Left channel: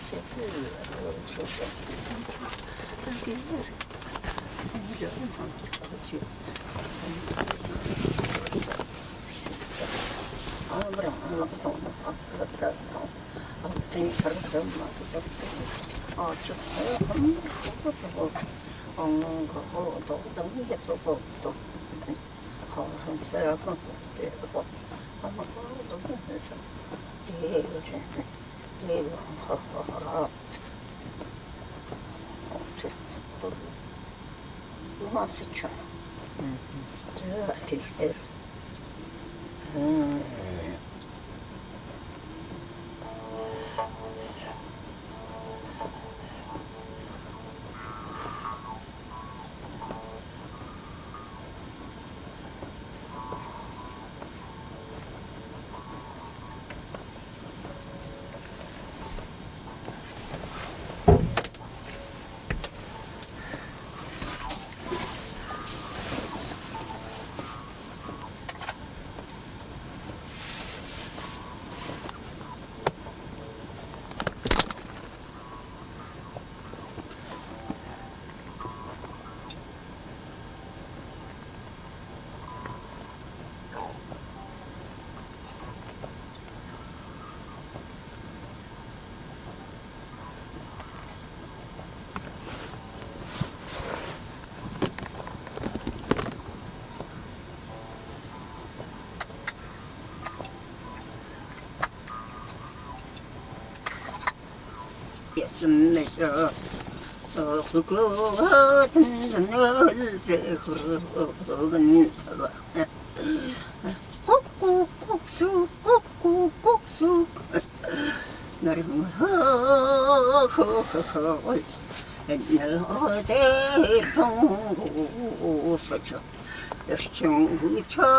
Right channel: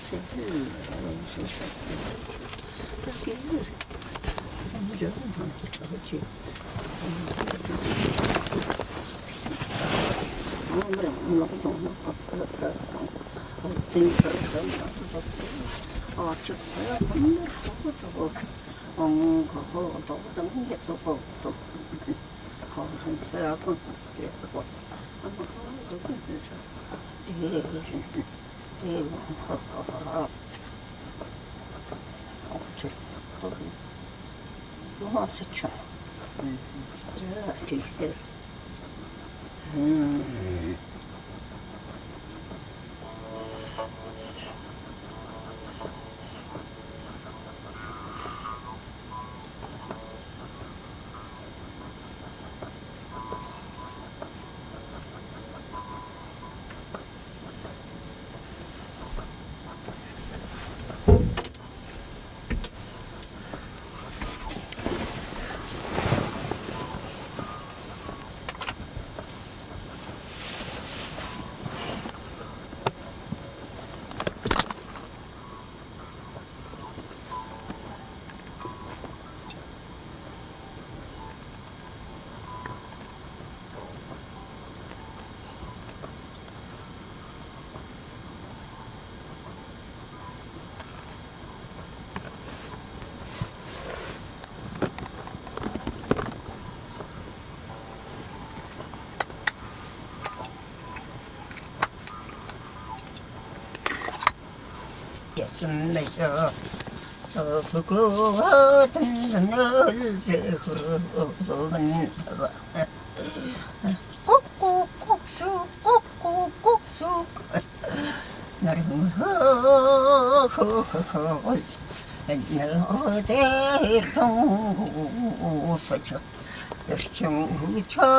se 예순내서 불거든 널제 흐르는 꼭꼭꼭수 꼭꼭꼭수 나를 허허허허 너를 통고서죠 열정부터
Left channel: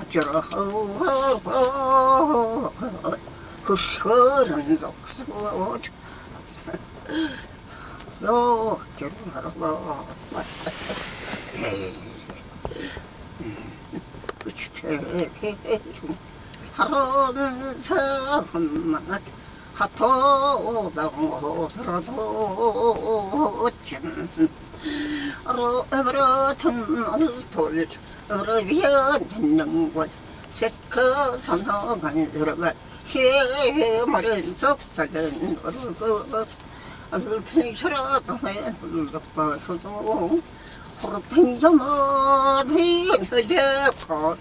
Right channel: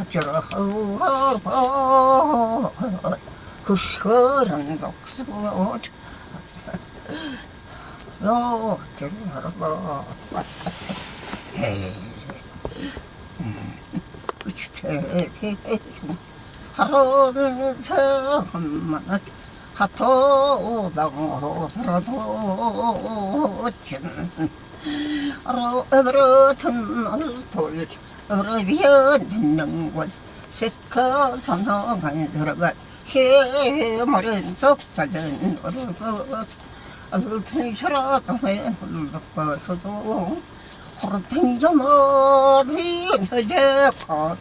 합주로 허허허 그 흐른 속수어 너 저러고 그치대 하루는 성만 하토당호서라도 진 어버튼 돌 어버비언 듣는 곳 세커 선성한 들어가 해머린 속자전 어르고 알튼셔라도에 흘러가서도 호르탱점어들이 내대고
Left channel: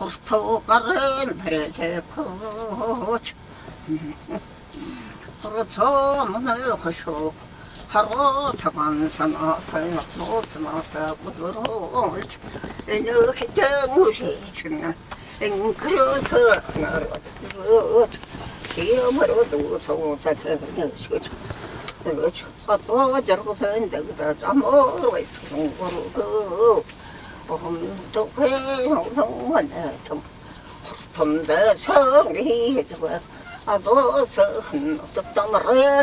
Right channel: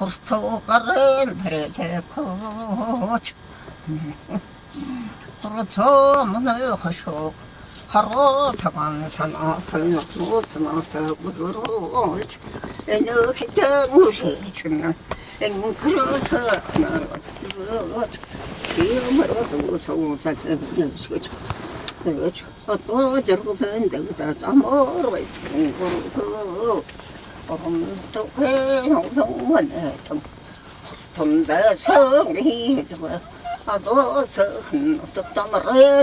호르토가를 내대고 호르토문을 허쇼 하루 타관사나 타이나로 스마타 부르로 에너 해장우리 주는 앵그러서 나로 기어머로도 소사서 그렇죠. 또 저러고서 내가 아무로 있어 공부로 또 회용성원에 좀 호스턴데 성이 저거 아도서 또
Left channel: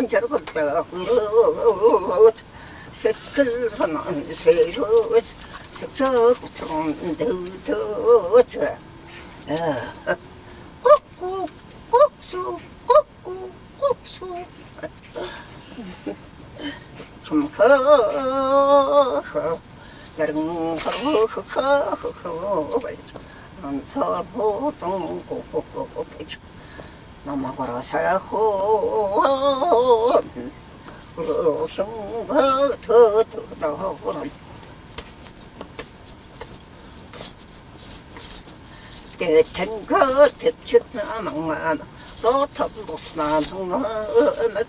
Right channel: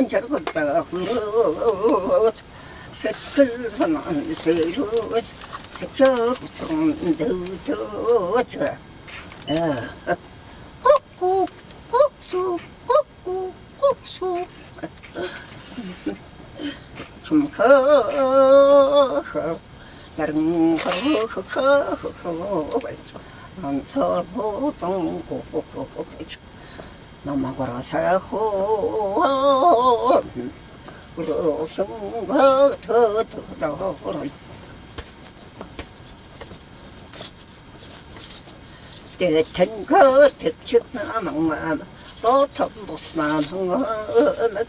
저러고다 그러 색글선한 새로 색적처럼 더더져 꼭꼭 꼭수 꼭꼭 꼭수 좀 허허 다른 허허허허 안서호동고 넘어가라 사호 그러성가 더더더라 대텐 거 대축나 망만 소탑도스나 망만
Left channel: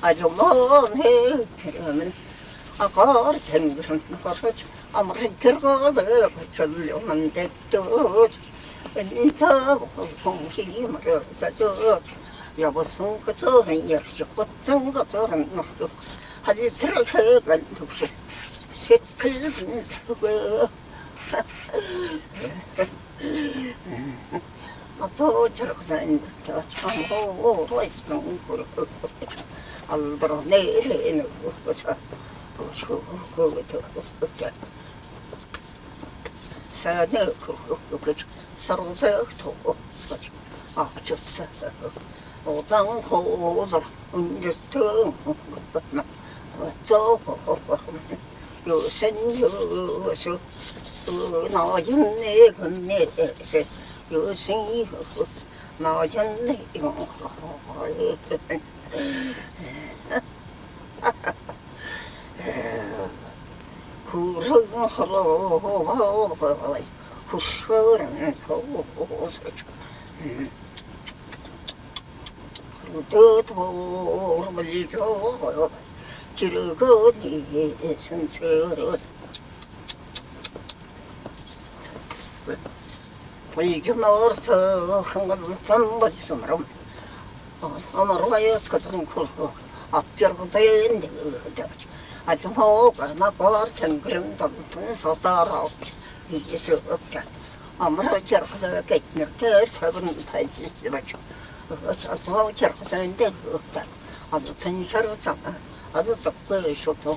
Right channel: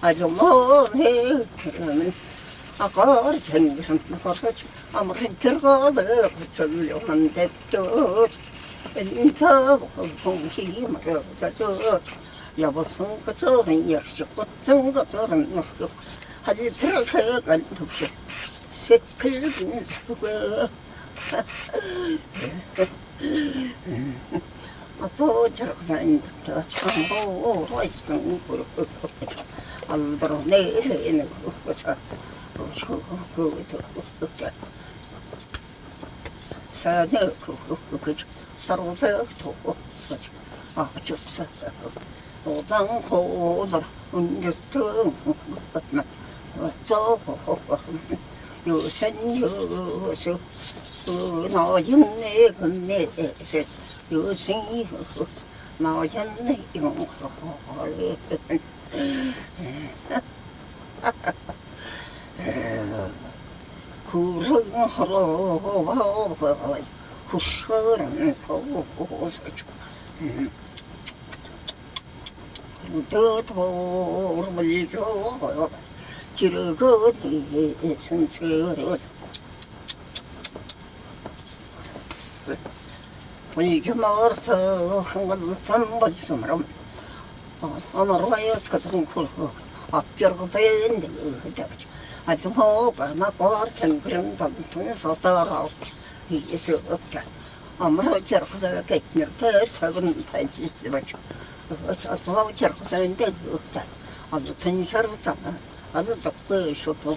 아주 먼해 그러면 아까리 쟁그런 거르죠 아무리 결과를 거절려만 됐도 인터 공기 말어서 여보성 그저런 역시 꽃은 그저런 노력 하지 들어서간 둡시 새클은 저거 저 저렇게 저 참고로 있던 거로 알더러 내리는 거서 그거 산에 그저 서로서 도고 서지 아주서 오당 고들 운저등 저고 요선 요서 그 나였네 근네세 요선이 나였네 이거 후른하러 후ርን 도서주 도도를 줘 지르거니 선서로 불주마서 한건 벌주마로 아마로야스 같은 거 앞저거 되는데 아주 뭐가 나고 생그런 동서 따라 이게서 없다. 아무로 저렇게 저렇게 이렇게 살고는 다지 맞죠. 저 저렇게 사는데 없다. 아주 텐셔로잖아. 아주 덕분에 쇼도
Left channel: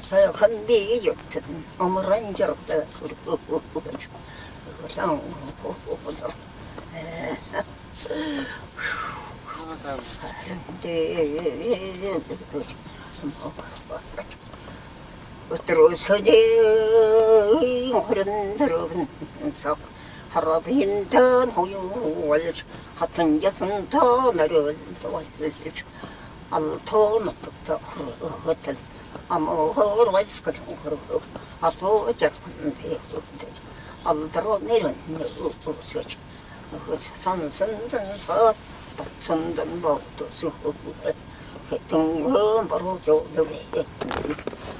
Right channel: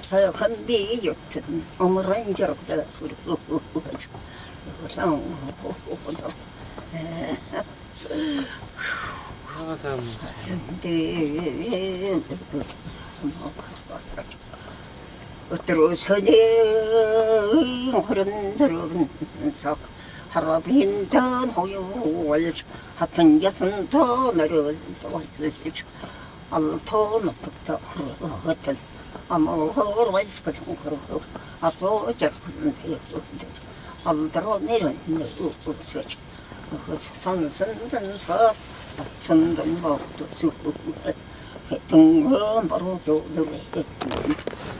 저 한비 여튼 아무런 저렇게 저렇게 그죠. 항상 다른데 어떠로 서재 흐른 들어면서 하루빈던 호유월 하튼 여순 더 내려서 왔을지 알토 노트터 흐르거든 아무 허르와이스 같은 거로 아토 저런데 알더러 내려는 없었지 산선선서 박선던 법도 수고 등은 바로 조들의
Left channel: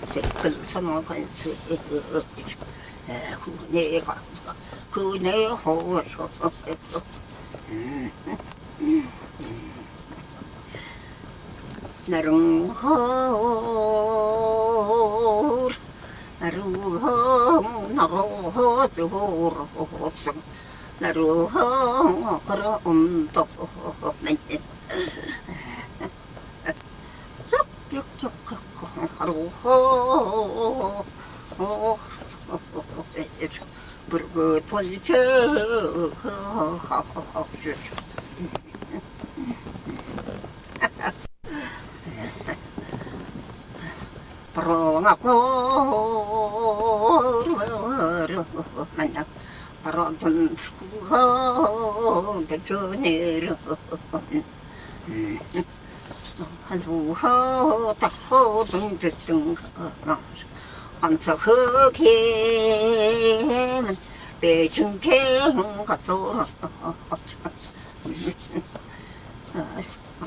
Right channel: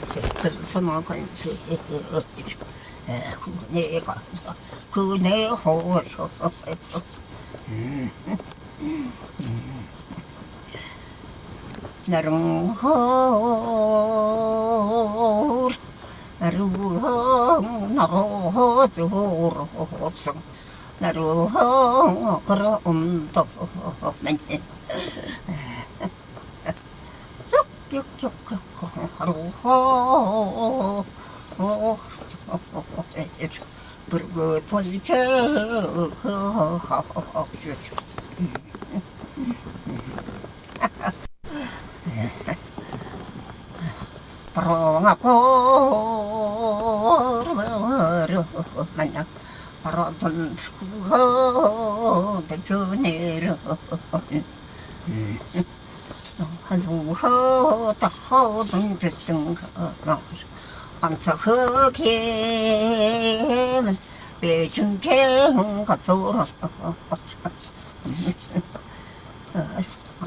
세근선화관수 그네가 그네 호서 나릉 호 나루항 나로 조로서 나루항 그럼도 나네 하루호 부르고 돌쳐 바로가고 만나 바로 던지고 던져내려 한수호 딱호 던졌던가 강석흑에는 배중갱 가서라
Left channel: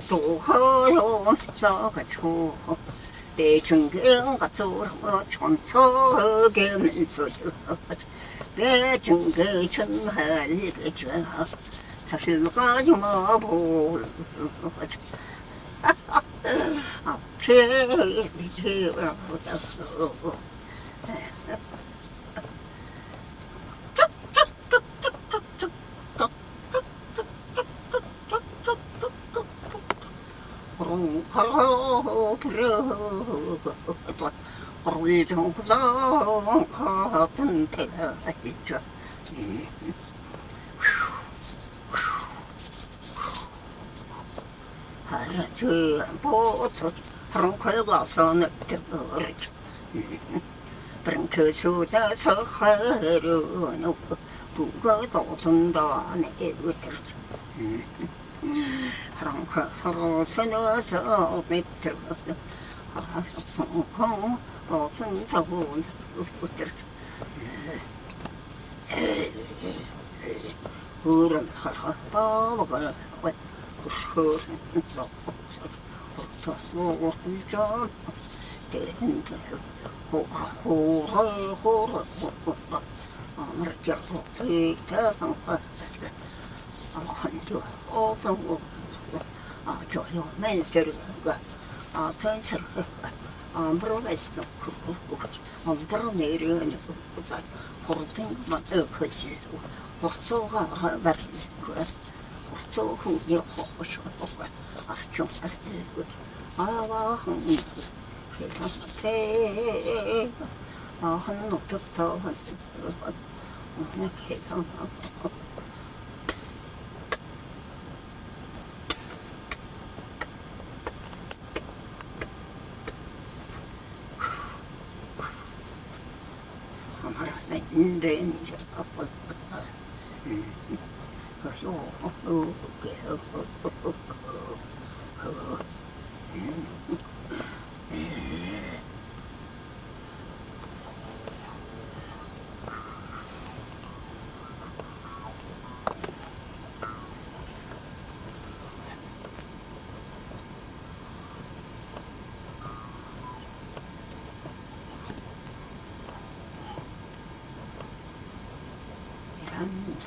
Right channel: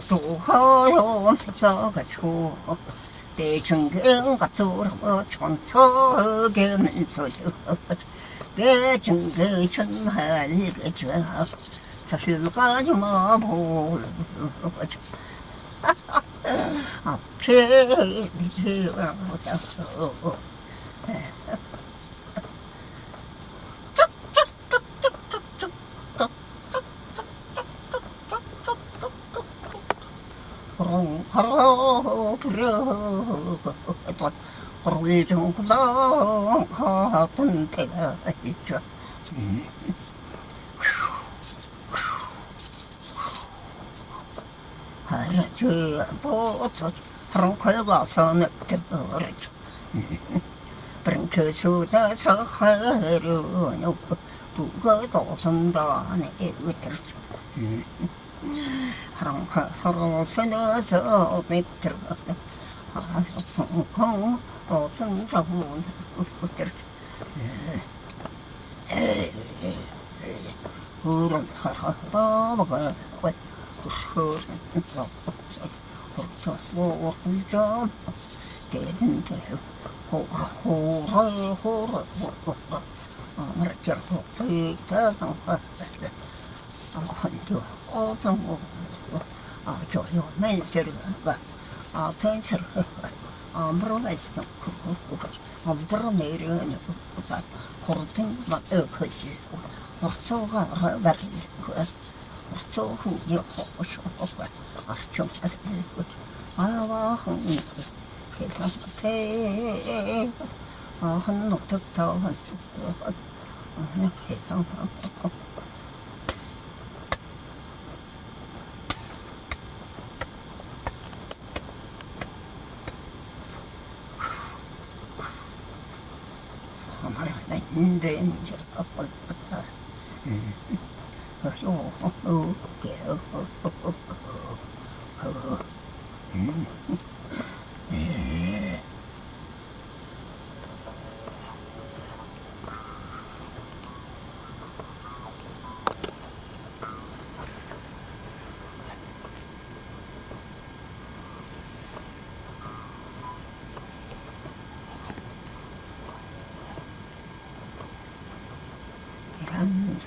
도허용서 가초 배중갱 가서라 천석에면서 배중갱 천할게죠 사실까지 마보 앞에 미치와보다 그롱가로 불어 그롤정구당 같은 데가 있죠 하라주 보초 하롱컬 가서는 뜨거르죠 브랭크수다서 하루노 부거도 선다네 으들죠 하롱컬 서로 서너서 밑으로 하송콩 없은사고 으들죠 그런 사람 바보가 흐른 뭐 좀 되는데 호라 아무렇게고 되다는 거 한두 어떤 거 저요 맨세르가 전체로 아무로가 있어 그거 엄들어 내려는 거자 호르팅만 거지 호르소가 말이 거야 호르소후 이 호쇼가 아좀 아와 흥 세상에 한 놈부터 그냥 해서 아마라 인데 이제 그래서 이런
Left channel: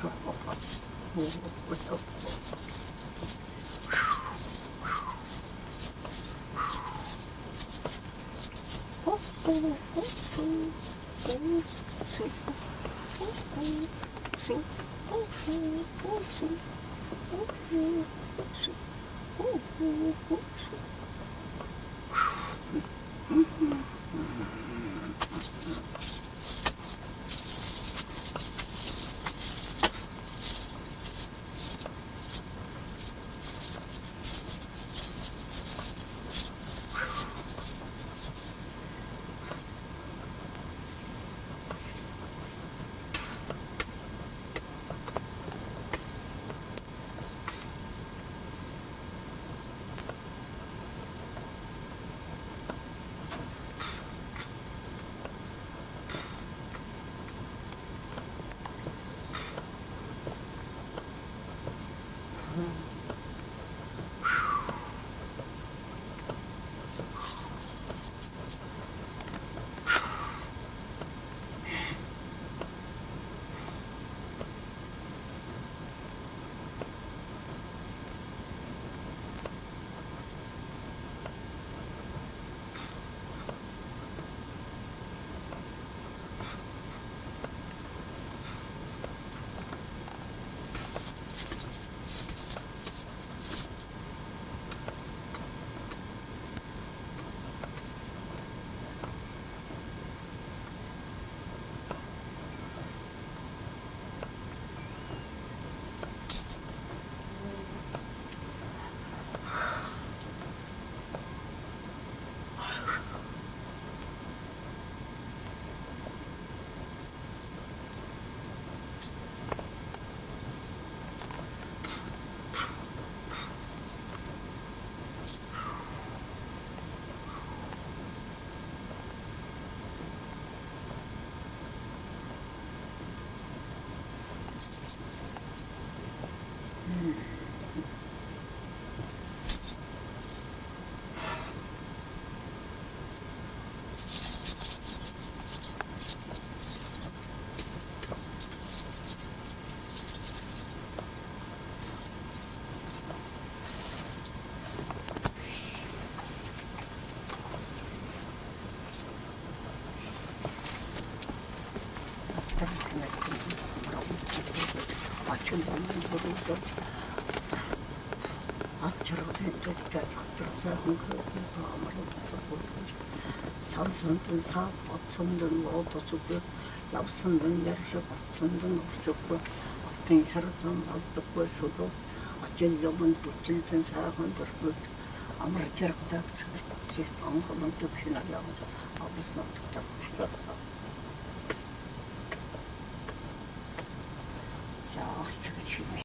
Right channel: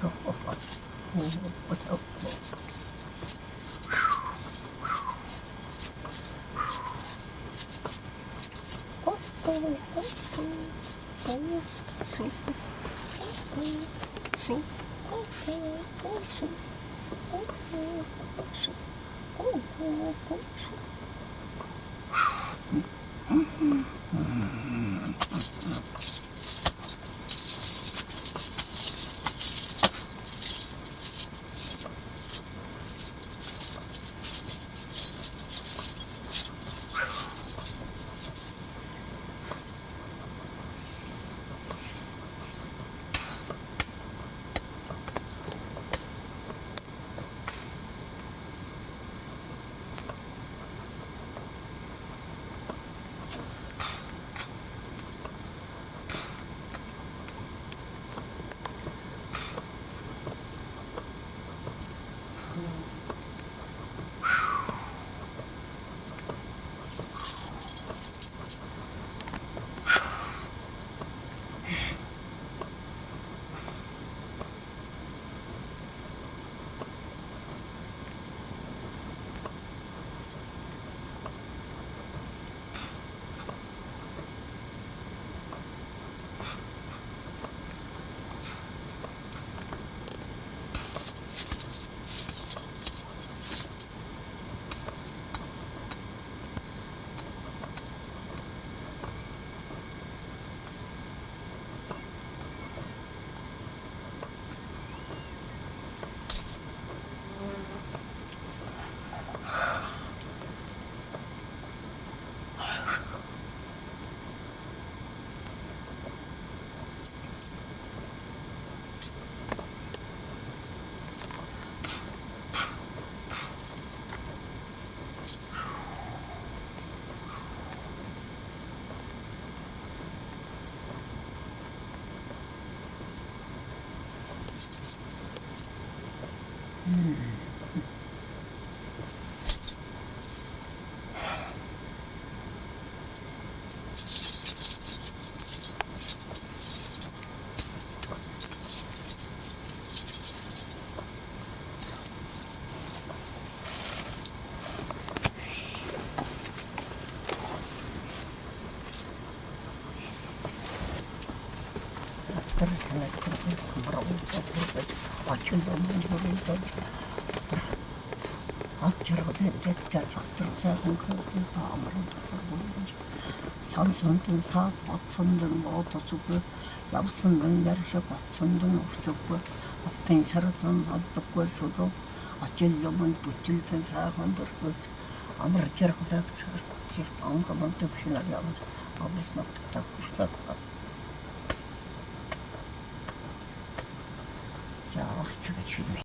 소리 산선든 사, 밭선든 로도 주고, 얍선든 열셔, 밭선든 없었고, 앞등이 살았던 날떡고 수도, 어쩌려면 붙일든 사건 벌고, 아무리 저렇게 다 아무것도 없이 날려가지고, 아버지는 딱 그러다. 자, 저게 주인이.